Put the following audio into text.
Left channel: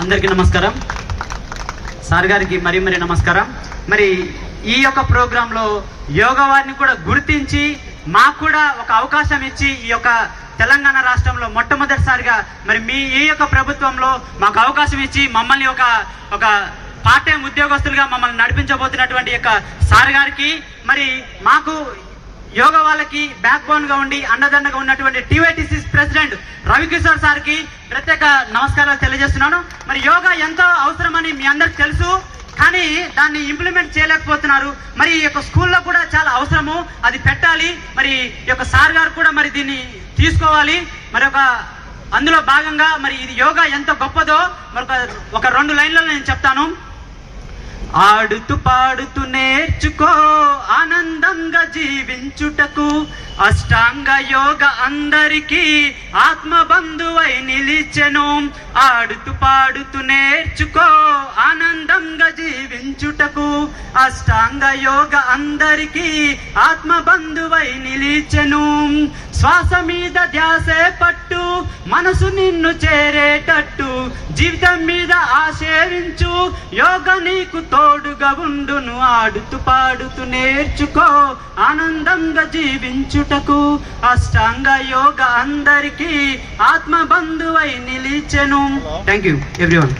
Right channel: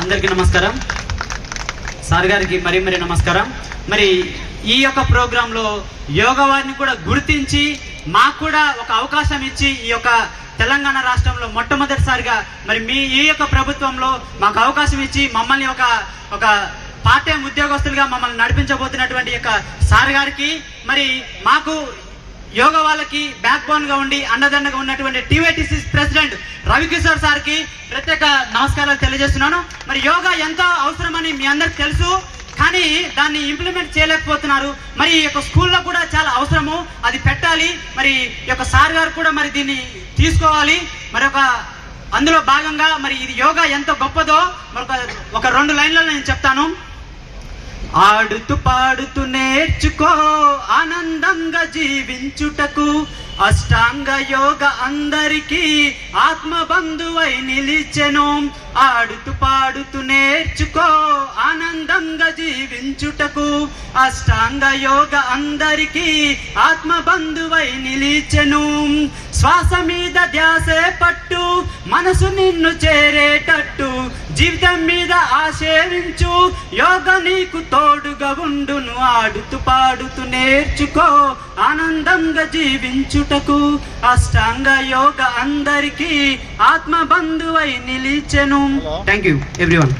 అందరికీ నమస్కారం. సార్ గారికి మరీ నమస్కారం. మరి ఈ యొక్క ప్రోగ్రాంలో యోగా వారిని కూడా గుర్తించి మాకు కూడా ఒక అవకాశం ఇచ్చి ఈ యొక్క తెలంగాణ రాష్ట్రంలో మొట్టమొదటిసారిగా మరి మీ ఈ యొక్క ప్రభుత్వంలో మాకు అవకాశం ఇచ్చి మమ్మల్ని ఒక పార్ట్ టైం ఉద్యోగస్తులుగా మమ్మల్ని నడిపించబోతున్నటువంటి యొక్క సార్ గారికి మరి మాకు యోగా వాళ్ళకి బ్యాక్ బోన్ గా ఉండి అండదండగా ఉన్నటువంటి టీవైటీసీ ప్రెసిడెంట్ రవికిషోర్ సార్కి ప్రత్యేక నమస్కారాలు తెలియజేస్తున్నాను. మరి యోగా ఎంతో అవసరమని మీ అందరికి తెలుసు, కానీ దాన్ని ఇంప్లిమెంట్ చేయలేకపోతున్నారు. మరి ఈ యొక్క స్కూల్లో కూడా చాలా అవసరము, అది పెట్టాలి. మరి ఈ యొక్క సార్ గారు కూడా మరి దీన్ని తీసుకోవాలి. మరి అందులో భాగంగా మరి ఇది యోగా ఎంత గొప్పదో మరి ఒక 2 లైన్లలో నేను చెప్తాను. ఆడుతూ పాడుతూ నేర్చుకో ఆనందంగా జీవించుటకు అష్టాంగ యోగ అందరికీ ఆత్మబంధువై నిలిచెను. ఆడుతూ పాడుతూ నేర్చుకో ఆనందంగా జీవించుటకు అష్టాంగ యోగ అందరికీ ఆత్మబంధువై నిలిచెను. శ్వాస మీద ధ్యాసే పట్టు, మనసు నిన్ను చేరేటట్టు, జీవితం మీద ఆశేవించు, యోగ నీకు తోడుగా ఉండును. ఆడుతూ పాడుతూ నేర్చుకో ఆనందంగా జీవించుటకు అష్టాంగ యోగ అందరికీ ఆత్మబంధువై నిలిచెను. Thank you everyone.